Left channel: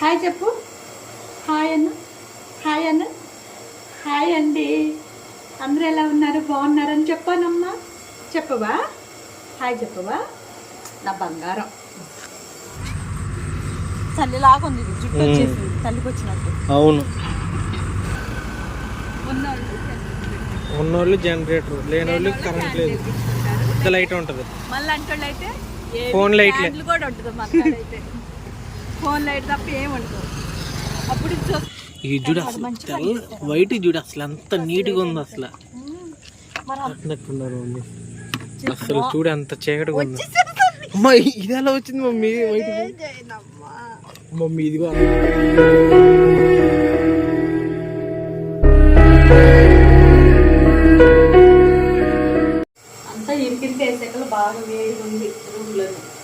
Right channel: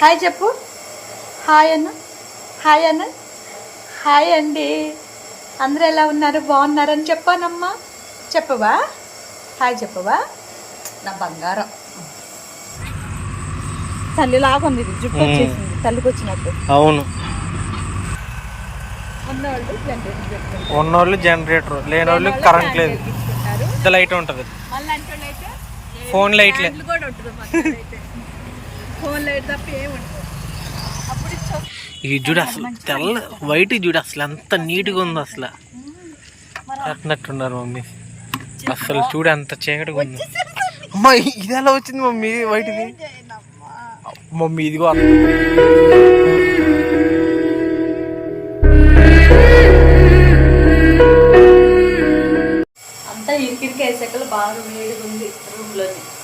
Hi చెప్పు. Hi అన్న. Hi అన్న. హాయ్ అండి. అందరూ ఎలా ఉన్నారు? బాగున్నారని చెప్పానమ్మా. చెప్పవా? హాయ్ చెప్పవా? నా బంగారం. తల్లిలాగా ఉంది ఇది జుట్టు వచ్చేసింది తల్లికి వచ్చినట్టు. అవును. ఉన్నోళ్ళు జనరేటర్ లేనోళ్ళు కరెంట్ లేదు. లైట్ ఉంటుంది. ఫోన్ లైట్లే కూడా ఉంటుంది మాకు అయితే ఫోన్ లైట్ తప్ప అప్పుడు ఈ జుడు అసలు తెల్ల వైట్ జుడు అసలు ఎంత నీట్గా ఉంది అసలు. కట్టినట్టున్నారు మమ్మీ. అసలు చూడు ఎంత చీకటిగా ఉంది. అమ్మా ఇది ఎలా వచ్చింది మమ్మీ వైట్ది మమ్మీ ఇదిగో. అంతా వేసాకలు బాగా వేడిగా ఉంది.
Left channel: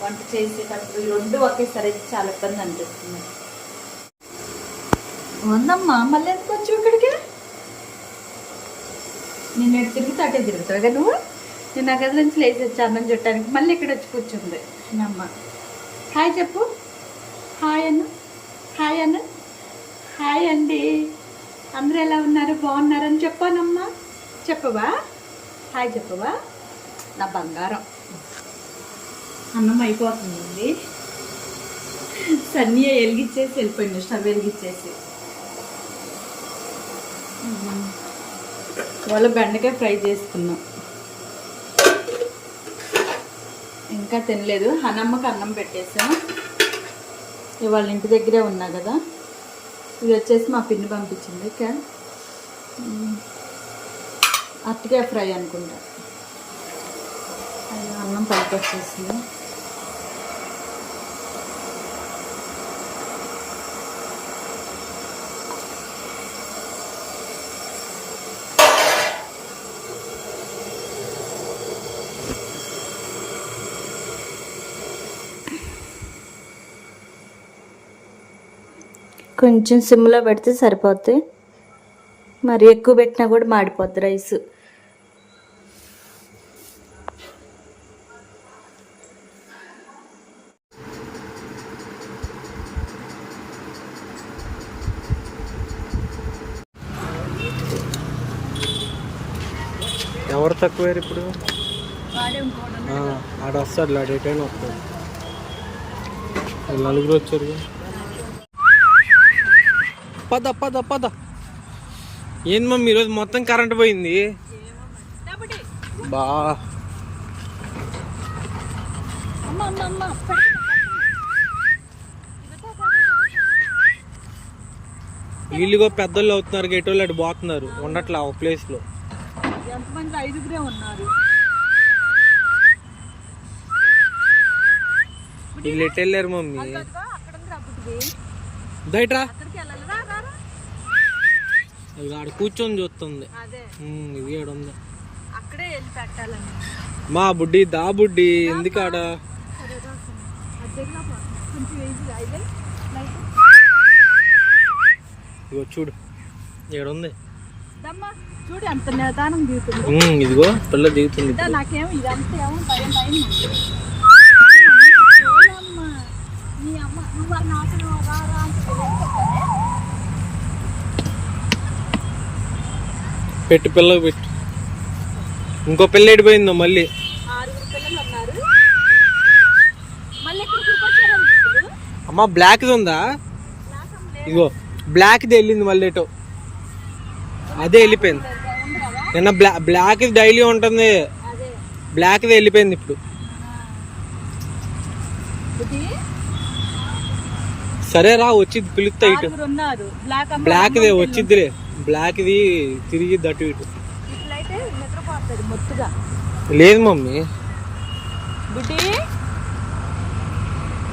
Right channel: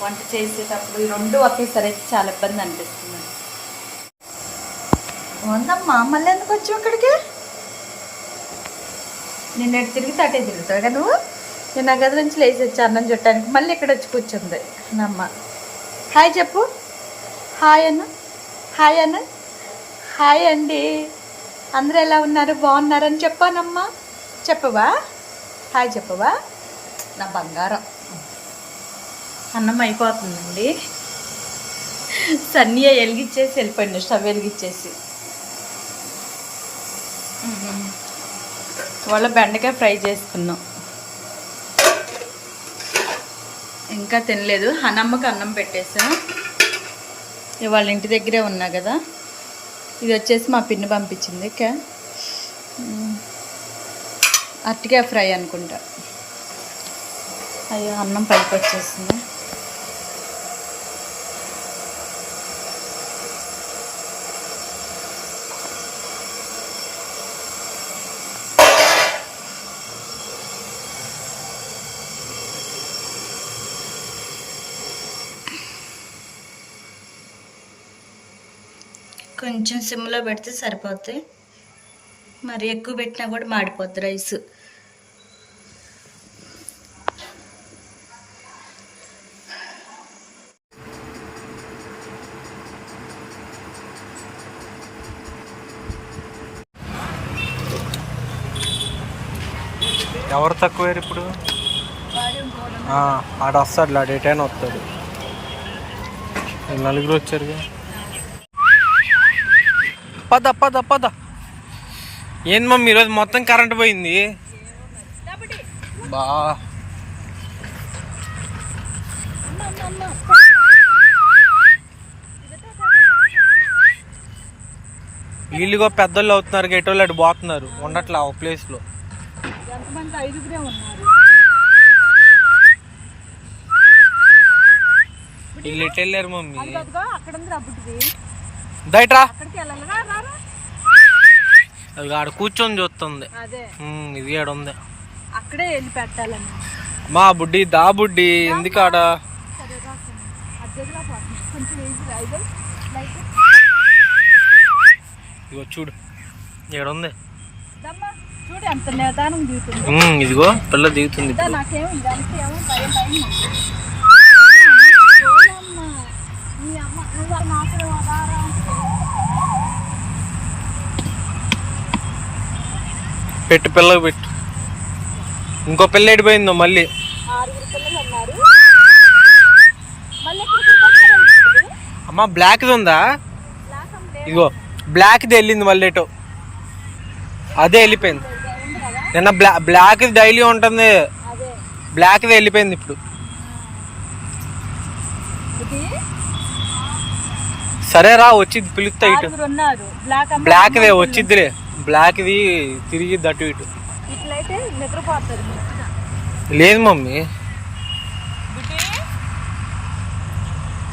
వంట చేసేటప్పుడు ఈ రెండు ఒకేసారి అయితే చాలా ఇబ్బంది అనిపిస్తుంది. ఉందమ్మా మళ్ళీ ఎందుకు వచ్చావు ఇక్కడికి? నిన్న ఎటు తిరిగితే అటే తిరుగుతావు కదా నువ్వు? నేను నా గది నుంచి లేచి వచ్చి అన్నం చుట్టానికి మళ్ళీ ఇక్కడ వచ్చి కూర్చుంది. నమ్మ. హాయ్ చెప్పు. హాయ్ అన్న. హాయ్ అన్న. హాయ్ అండి. అందరూ ఎలా ఉన్నారు? బాగున్నారని చెప్పానమ్మా. చెప్పవా? హాయ్ చెప్పవా? నా బంగారం. అన్నం అయిపోతుందండి. సన్నయ్య వెలిగిచ్చేసి వెళ్ళిపోయింది స్టవ్ వెలిగిచ్చేసి. వాళ్ళ ఇవాళ బెండకాయ ఫ్రై చేసుకున్నాం. ఇంకా తినలేదు. హనమ్మకి అన్నం పెట్టేసా. ఇవాళ ఇంటి దగ్గరే ఉన్నా కదా. ఇది వచ్చేసి మా పిన్ని పంపించింది ఇక అరటికాయ ఫ్రై అనుకుంటా. అయ్యో అన్నం పైకి వచ్చేసింది. కొంచెం సిమ్లో పెడితే సరిపోతాయి మరి ఎక్కువ పెట్టినా కూడా మాడిపోద్ది రైస్. ఎవరు తక్కువ ఇప్పుడు? ఆ, ఆడ వస్తాడు ఆడ ఎటైనా వస్తాడు. నలుగురు వచ్చారుగా. పద పద పద. ఏంది మమ్మీ ఈరోజు మొత్తం కరెంట్ పోయింది? బా. వీళ్ళుగో పెద్దోళ్ళు అవుతున్నారు గెటోళ్ళు అటు పోతున్నారు. ఉండట్లా ఒక ప్లేస్లో. ఎంతమంది ఐదుగురే ఉన్నారు? వీళ్ళు ఎటు వెళ్ళారు మమ్మీ? దయట్రా అది ఆడ కూర్చొని చూస్తుంది ఇది ఆడ ఉంది అక్కడే వెళ్ళి మా బుడ్డి దా బుడ్డి ఎందుకు ఆడ ఇదిగో చూడు ఇక్కడ ఉంది దమ్మా చూడు ఎంత నిదానం దిగుతుంది ఉమ్, ఇదిగో పిల్ల దిగుతుంది ఇదా ఇప్పుడు నాకేం ఇదంతా ఏమో భయం భయం చూడమ్మా నీ అమ్మ నువ్వు నాకు పెట్టు పిల్లకి పెట్టు. ఇంకో పిల్ల ఎడిపోయిందో మళ్ళీ. అమ్మ బ్లాక్ది ఉందా? ఇదిగో బ్లాక్ది వెళ్ళింది మళ్ళీ ఎటో. అదే వెళ్ళిపోయింది. నిన్న బ్లా బ్లాక్ డైలీ ఉంటుంది. బ్లాక్ది వెళ్ళిపోయింది ఇప్పుడు. సరే రా వచ్చింది పిలుస్తా ఇటు. బ్లాక్ బ్లాక్దే వచ్చిద్దిలే. బ్లాక్ది తిరిగి అటు ఇటు. లేదు మమ్మీ.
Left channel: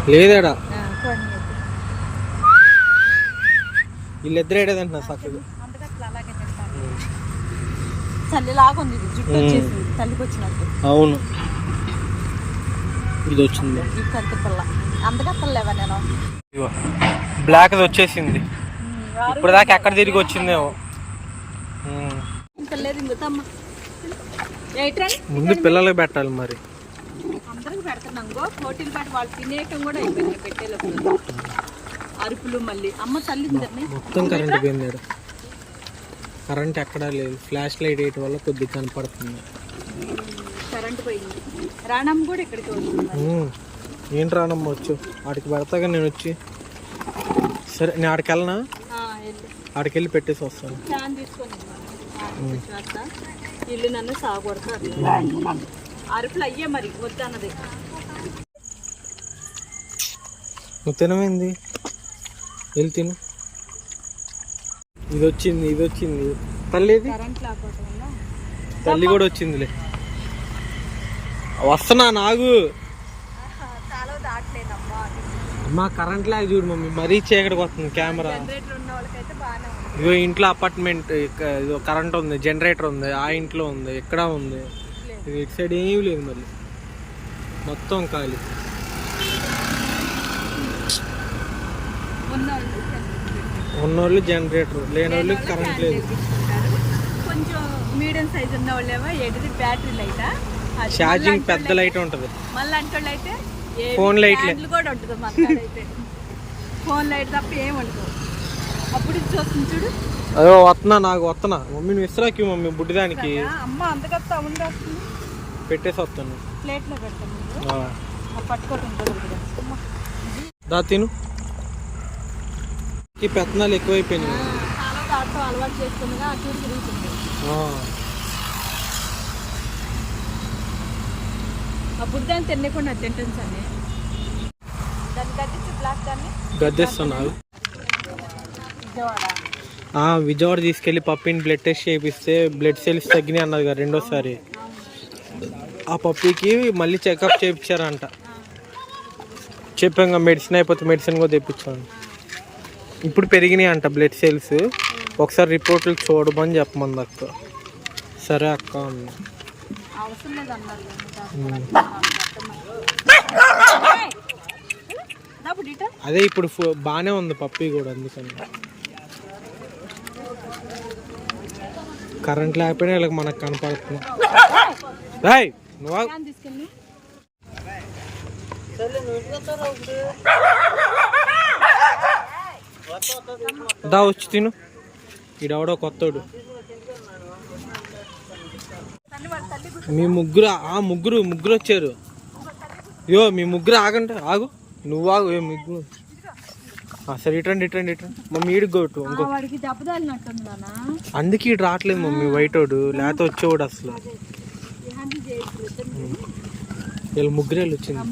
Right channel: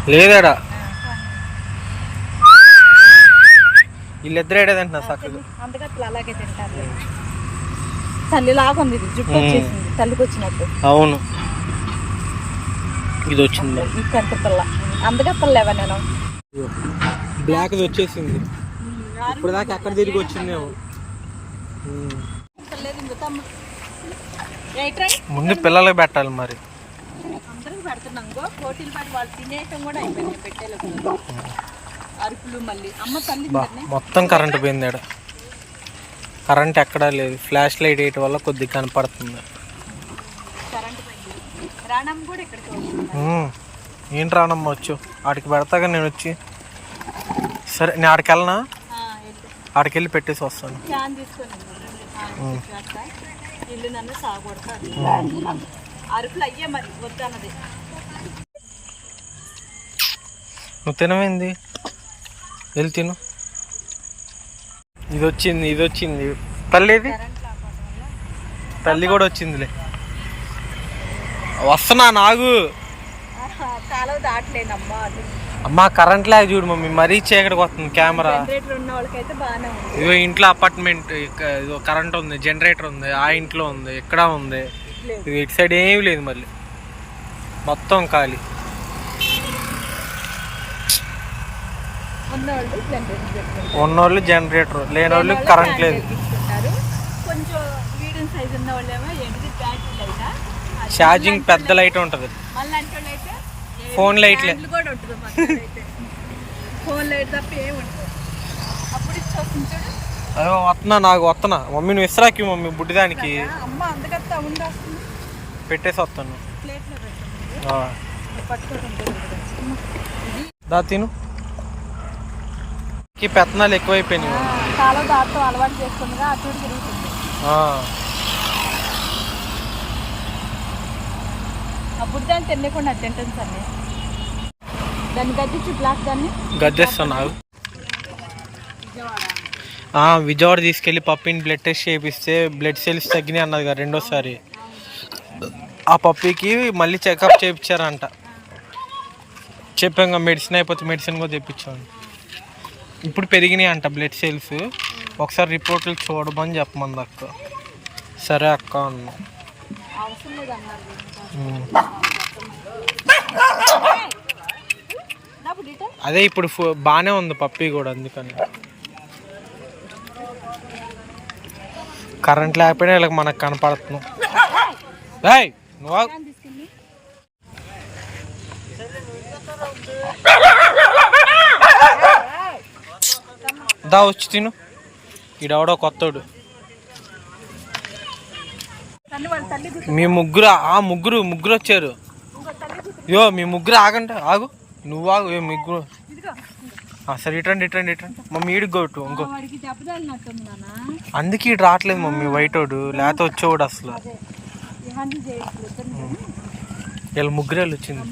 లేదాడా. వీళ్ళిద్దరు చక్కగా. వచ్చేసింది తల్లికి వచ్చినట్టు అవును. ఇది వచ్చింది. బ్లాక్ది వచ్చేసింది. ఇప్పుడు దాకా ఎక్కడ తిరిగి వచ్చిందేమో. ముందు పిల్లలకి పెట్టాలి మరి. అందరికి పెడుతున్నాం. గో పోటీలు పాటు వాళ్ళు తినేయటం కూడా అయిపోయింది. పెట్టేలోపు అరుపులు మళ్ళీ. అమ్మ తల్లి బా, మొత్తం కరెంట్ పోయింది కరెంట్ ఎక్కడా లేదు. ఫ్లాష్ లైట్ వేయటం వల్ల కొద్దిగా కనపడుతుంది. కరెంట్ పోయింది. రాణమ్మ కూడా ఇక్కడికి వచ్చింది. ఉమ్, ఏంటి రానమ్మ వచ్చు? ఆడికి పెడతాగా నేను వచ్చి. సరే నేను ఆడికి వెళ్ళనా? వెళ్ళి పెట్టేసి వస్తాను. ఇల్లు నన్ను సాగొడతారు. అరుపులు అయ్యే మరి నువ్వు తినమైంది? వెళ్ళి తిను. ఇది వచ్చింది ఇది వచ్చింది తల్లిది తల్లి కూడా వచ్చిందిలే. వస్తున్నా నాగు. దాటలేనమ్మా అమ్మా కరెంట్ లాగా చూడు మమ్మీ మరీ చీకటికి వస్తుంది కెమెరా. ఇదిగో ఇంట్లో అపార్ట్మెంట్ ఇదిగో కరెంట్ ఉంది జనరేటర్ ఉంది ఆ ఇంట్లో ఉంది ఇక్కడ ఉంది. ఇటు సైడ్ ఏమీ లేదు మళ్ళీ. మొత్తం ఖాళీ. ఉన్నోళ్ళు జనరేటర్ లేనోళ్ళు కరెంట్ లేదు. పెట్టుకుంటారు. కొంచెం మీడియం సైజ్ ఉన్న వాళ్ళేమో ఏంటిది బ్యాటరీ లైటా అది ఛార్జింగ్ పెద్ద లైట్ ఉంటుంది. మళ్ళీ అంటే ఫోన్ లైట్లే. ఫోన్ లైట్ తప్ప ఏం ఉండదు. అప్పుడు ఇది చూస్తుంది చూడు. అదో వస్తున్నా నాకు వస్తున్నా మమ్మీ నువ్వు ఇస్రాకి మమ్మీ బుడ్డిదానికి. పెట్టేసి వస్తాను. దా తిను. పెత్తనాలు ఎక్కువైపోయినాయి ఆ, కాలువ దాటం అలవాటు చేస్తుందిగా అటు ఇటు తిరుగుతుంది ఆ. అప్పుడు దాన్ని తినకుండా తింటుంది దాన్ని గద్దించి బ్లాక్ దాన్ని గద్దెస్తున్నావు విజయవాడ. తీసుకెళ్ళి పప్పిని బ్లడ్ టెస్ట్ చేపిస్తే బ్లడ్ సెల్స్ తగ్గినాయి అన్నది కదా రెండోసారి. ఆ పప్పికి మళ్ళీ చెకప్ చేయించారంట చెప్పాం మెడిసిన్ అయిపోతే మెడిసిన్ కూడా తెప్పించాను ఇప్పుడు పెరిగినాయి అంట బ్లడ్ సెల్స్ ఒకసారి రిపోర్ట్లు చూడమని చెప్పమంది అక్క. సరే అక్క అన్నా. అవసరం లేదు అన్నారు కదా. ఉమ్. ఏయ్! నా బుడ్డిట? అదే ఇప్పుడు ఫు- బాగానే ఉంది పప్పి కూడా అందుకని కరెంట్ లేకపోయినా వీళ్ళకి మనకు కనపడుతున్నాం రాయ్ నువ్వు ఆగు. ఫ్యాన్ తీసుకెళ్ళి దా వచ్చి తిను ఈడవడో కొత్తోడు తల్లి వాళ్ళ తల్లి మీ ముగ్గురు ఆ ముగ్గురు ముగ్గురు వచ్చారు. యో మీ ముగ్గురు ఆగండి ఆగు. నువ్వు ఆగు ఏ ముగ్గురు సరే ఇటండి ఇటండి ఇటండి మమ్మీ ఈడికి కొట్టు ఇంకో. అందుకే ఇటు రావట్లేదు మమ్మీ వైటోడు లేకపోతే వచ్చేవాడు అసలు. వీళ్ళ ముగ్గురేళ్ళు వచ్చింది.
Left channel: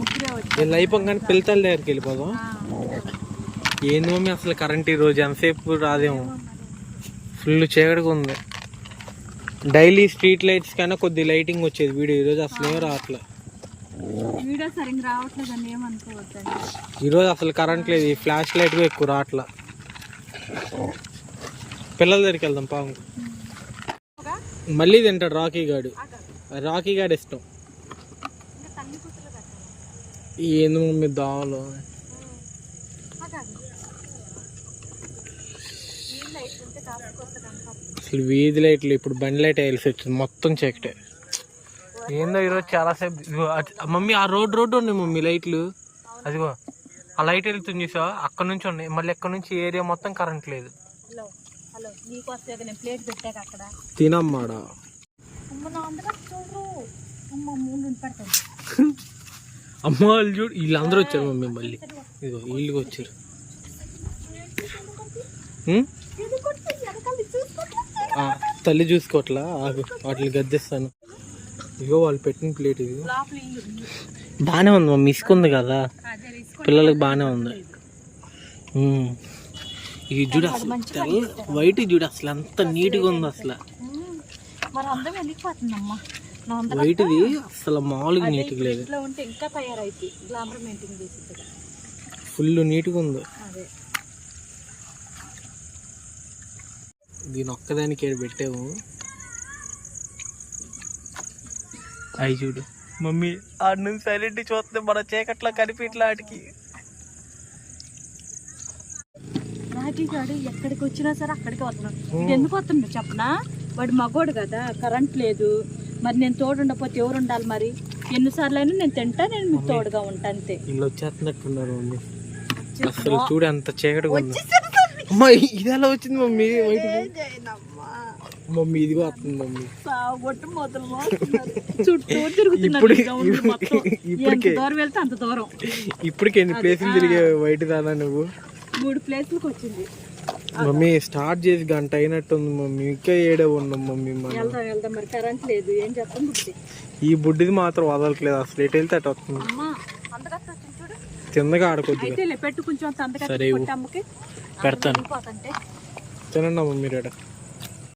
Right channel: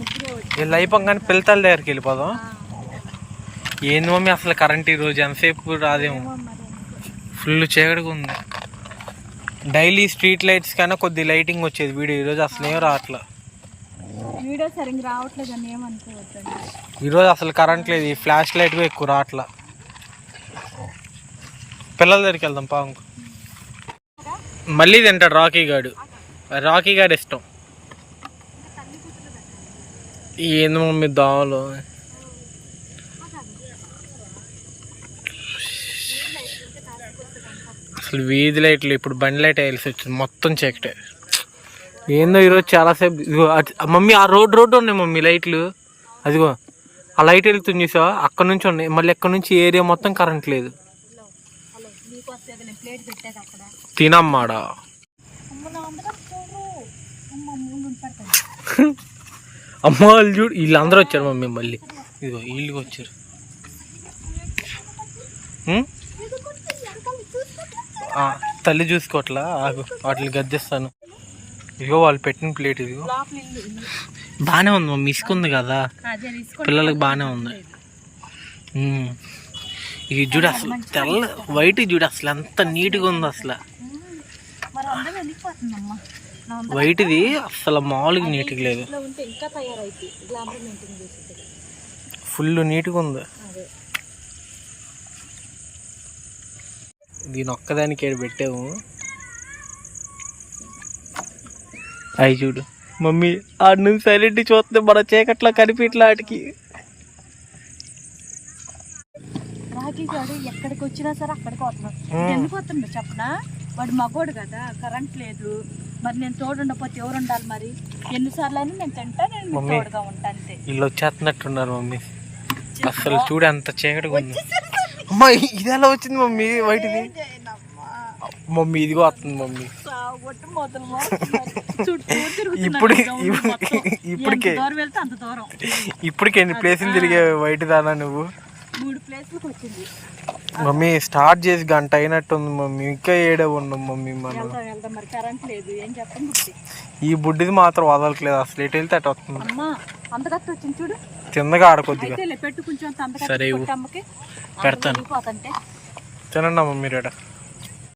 వీళ్ళు అయిపోగానే పిల్లతల దగ్గరికి వెళ్ళిపోదాం. ఏంది మమ్మీ అసలు కరెంట్ ఈ రోజు ఎంతసేపు రాదేమో. ఫుల్ చీకటిగా ఉంది. డైలీ స్ట్రీట్ లైట్స్ కన్నా కొద్ది లైటింగ్ వచ్చేది వీడియో. ఈరోజు అసలు ఏం రావట్లే. వీడియో సరిగ్గా రావట్లేదు అని ఏమనుకోవద్దండి ఈరోజు అసలు కరెంట్ లేదు. ఈ ఫ్లాష్ లైట్ ఎక్కువ రావట్లా. పిల్లల దగ్గరికి వెళ్దాం పాము మళ్ళీ తింటాడు రాకీ గాడు. రాకీ గాడు ఇష్టం. ఏంది మమ్మీ దోమలు? అసలు వీధి లైట్లు ఇప్పుడు బండి లైట్ వేయాల్సి వచ్చింది. మొత్తం చీకటే. ఏందో ఈరోజు చాలాసేపు మమ్మీ ఆ రోడ్ రోడ్డు ఉన్నాయి మమ్మీ లైట్లు. అదిగో ఆ లైట్ వెళ్తుంది చూసావా? అక్కడ నుంచి ఉన్నాయి. మళ్ళీ ఎక్కడ నుంచి ఏరియా మొత్తం కరెంట్ లేదు. తినమ్మాడా? అమ్మ వాళ్ళు చూడు వీళ్ళందరూ వచ్చారు మమ్మీ మళ్ళీ. ఇదిగో వీళ్ళకి వచ్చారు. తల్లి చూసుకోవట్లా? వాటిని గద్దిస్తాను. ఇదిగో వాళ్ళు పెట్టిన ప్లేట్ ఇదిగో. బాగానే ఉంది మమ్మీ ఇసుకుంది కదా? పిల్లలకి బాగానే ఉంది. ఇది చూడు అసలు తెల్ల వైట్ చూడు అసలు ఎంత నీట్గా ఉంది అసలు. వైట్ది అసలు మామూలుగా నీట్గా లేదు. ఫుల్ నీట్గా ఉంది అదే దీని ఒక్కదానికి ఏడు పెట్టాము. అయి చూడు. మమ్మీ ఆడి నుంచి సైలెంట్ చూస్తే మన చీకట్లో కనిపించలే ఆడికి. రాజీ గారు ఎక్కడికి వచ్చినా సరే అక్కడికి వస్తున్నాడు ఎందుకు వస్తుండో చెప్పనా? వాడు మగోడు కదా కరెంట్ లేదు. మరి నేను తోడు ఉండకపోతే ఎవరు ఉండాలి మరి? ఎన్నిసార్లు అయినా నేను తింటా నేను మీకు. తోడుగా ఉంటా అంతే. వీళ్ళు వచ్చేస్తున్నట్టున్నారు మమ్మీ. అసలు చూడు ఎంత చీకటిగా ఉంది. అమ్మా ఇది ఎలా వచ్చింది మమ్మీ? వైట్ది? మమ్మీ ఇదిగో వస్తుంది మమ్మీ. ఇప్పుడు. ఇప్పటికే ఇప్పటికే ఎన్ని ప్లేసులు తిరిగే వైట్ దానా నువ్వు? మూడు ప్లేస్లకు వచ్చింది మమ్మీ స్టార్ట్ చేసి గంట అయినట్టుంది మమ్మీ. ఇంకా ఏడే ఉన్నాం మమ్మీ మనం. ఈ బుడ్డిది మాత్రం వదలట్లేదు. అసలు ఎటు వెళ్తే అటు వస్తుంది. కిందగా ఆడకొద్దిగా. సరే పెడతాను. పోతంటే తినండి అమ్మ మీరు.